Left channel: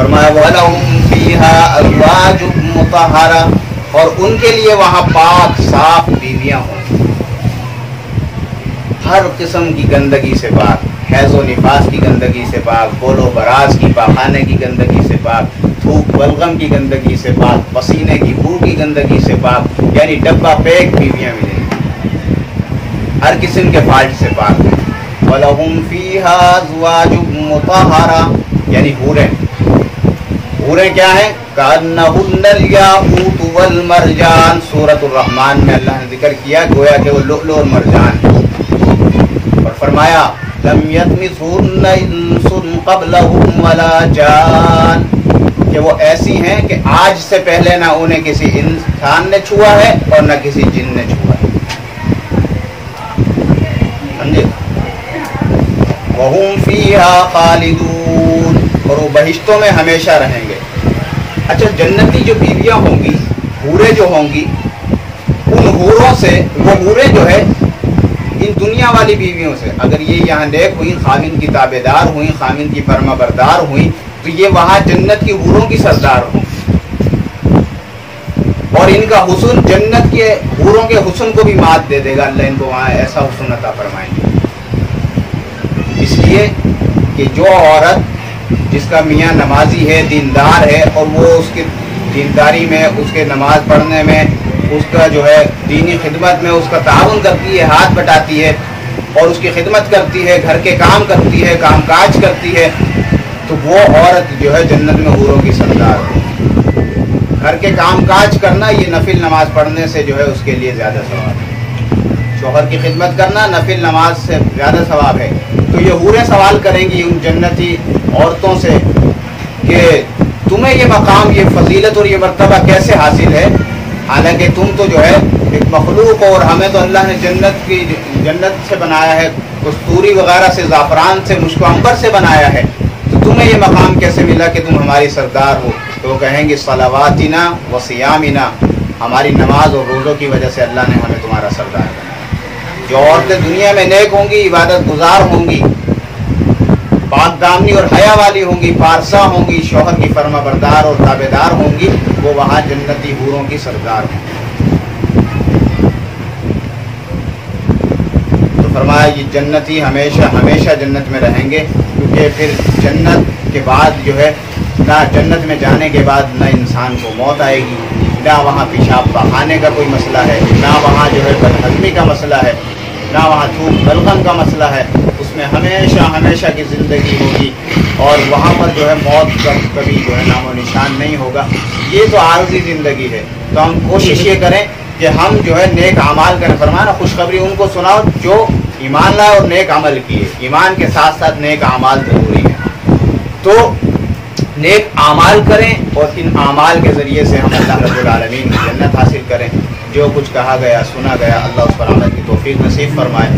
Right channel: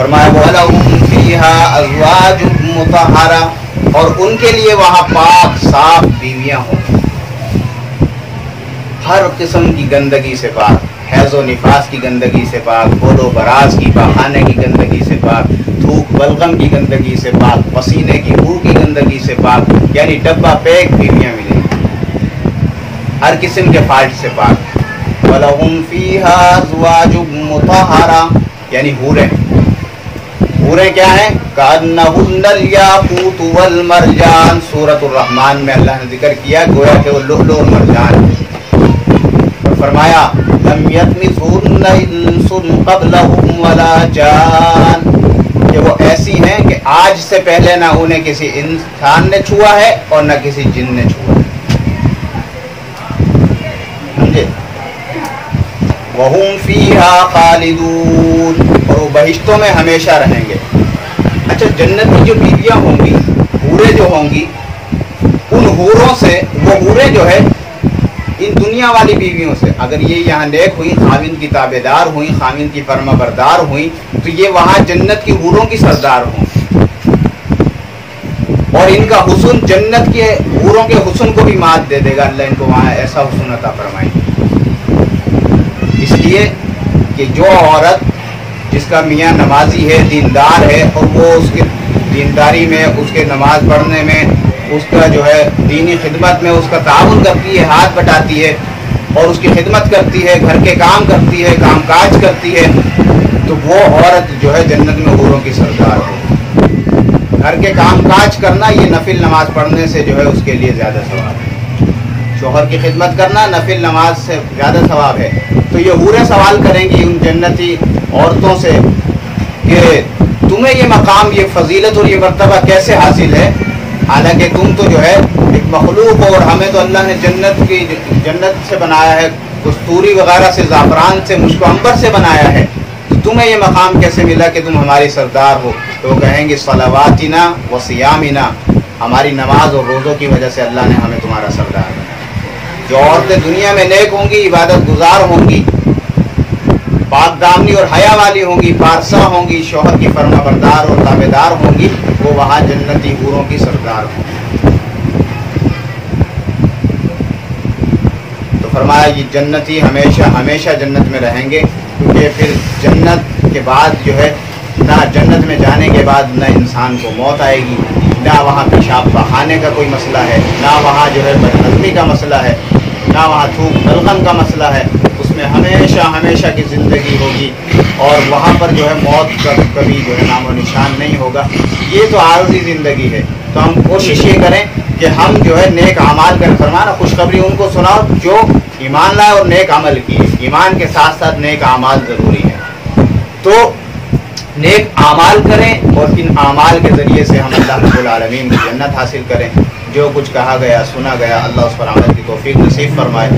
فرمایا وَلَهُمْ فِيهَا أَزْوَاجٌ مُطَهَّرَةٌ، اور ان کے لیے وہاں پاک صاف بیویاں ہوں، ہر قسم کی گندگی سے پاک، حیض و نفاس کی گندگی سے پاک، بول و براز کی پاخانے کی گندگی سے پاک، تھوک بلغم کی گندگی سے پاک، پسینے کی بو کی گندگی سے پاک، یعنی ڈبہ پیک بیویاں ملیں گی، ہر قسم کے فالٹ سے پاک۔ وَلَهُمْ فِيهَا أَزْوَاجٌ مُطَهَّرَةٌ، یعنی حوریں کیا ہیں؟ كَأَنَّهُنَّ الْيَاقُوتُ وَالْمَرْجَانُ، سورۃ الرحمن میں اللہ نے ذکر کیا گویا کہ وہ لؤلؤ اور مرجان ہیں، اور فرمایا لَمْ يَطْمِثْهُنَّ إِنسٌ قَبْلَهُمْ وَلَا جَانٌ، کہ وہ ایسی ہیں کہ آج سے پہلے نہ انہیں کسی انسان نے چھوا ہے اور نہ کسی جن نے چھوا ہے، سمجھے؟ وَهُمْ فِيهَا خَالِدُونَ، اور وہ بہشتوں میں ہمیشہ رہیں گے۔ اچھا، جنتی جو بیویاں ہوں گی، حوریں جو ہوں گی، ان حوروں سے، وہ حوریں جو ہے ان دنیا والی بیویوں سے، اگر یہ یہاں نیک ہوئی، خاوند کی تابع دار ہوئی، خاوند کی فرما بردار ہوئی، تو یہ وہاں جنت کی حوروں کی سردار ہوں، اور ان کا حسن جنت کے حوروں کے حسن کو بھی مات دے دے گا، اللہ ان کو وہاں ایسا حسن عطا فرمائیں گے۔ اس لیے کہ جو عورت جس کا میاں نمازی ہے، دیندار ہے، اور وہ اس کی دینداری میں، اس کے نماز پڑھنے میں، اس کا جو ہے دینی خدمت میں اس کا تعاون کرتی ہے، ہاتھ بٹاتی ہے، اور اس کی خدمت کرتی ہے، گھر کے کام کرتی ہے، کام کاج کرتی ہے، تو وہ عورت جو ہے جنت میں حوروں کی سردار ہے۔ گھر کے کام کاج کرنا یہ نفل نماز پڑھنے سے جو ہے اس کے لیے زیادہ ثواب ہے، شوہر کی خدمت کرنا نفل نماز سے زیادہ ثواب ہے۔ تو یہ حوریں سوال کریں گی ان جنتی عورتوں سے کہ تمہیں یہ مقام، یہ فضیلت اور یہ مرتبہ کیسے حاصل ہے، حالانکہ تم تو جو ہے ایک مخلوق ہو، اور ہمیں تو اللہ نے جنت سے بنایا ہے، کستوری وغیرہ سے، زعفران سے، مشک و عنبر سے بنایا ہے، تو تمہیں یہ مقام کیسے ملا کہ تم ہماری سردار ہو؟ تو وہ کہیں گے صلواتنا و صیامنا، ہماری نماز اور روزوں کی وجہ سے اللہ نے ہمیں تمہارا سردار بنایا۔ جو عورتیں دنیا میں نیک ہوں گی، عبادت گزار ہوں گی، پاک دامنی اور حیا والی ہوں گی، پارسا ہوں گی، شوہر کی فرما بردار اور تابع دار ہوں گی، وہ وہاں جنتی حوروں کی سردار ہوں گی۔ تو فرمایا یہ جنتی ہمیشہ ہمیشہ جنت میں رہیں گے، کیونکہ پھر جنت کے بعد جو ہے نہ جنت میں جانے کے بعد نہ انسان کو موت آئے گی، نہ وہاں پیشاب بہانے کا کوئی مسئلہ ہے، نہ وہاں جو ہے بدہضمی کا مسئلہ ہے، نہ وہاں تھوک بلغم کا مسئلہ ہے، اس میں ہمیشہ ہمیشہ کی زندگی ہوگی، اور وہاں پر جو ہے موت کا کبھی جو ہے نام و نشان نہیں ہوگا۔ یہ تو عارضی زندگی ہے، تو ہم کوشش یہ کریں کہ ہم جو ہے نیک اعمال کریں۔ فرمانا خوشخبری ان کو سناؤ جو ایمان لائے اور نیک عمل کیے، ایمان کے ساتھ ساتھ نیک اعمال ضروری ہے، تو نیک اعمال کریں، اور ان اعمال کے ذریعے سے ہم اللہ رب العالمین کی جنت حاصل کریں۔ جو کچھ کہا گیا، سنا گیا، اللہ اس پر عمل کی توفیق نصیب فرمائے۔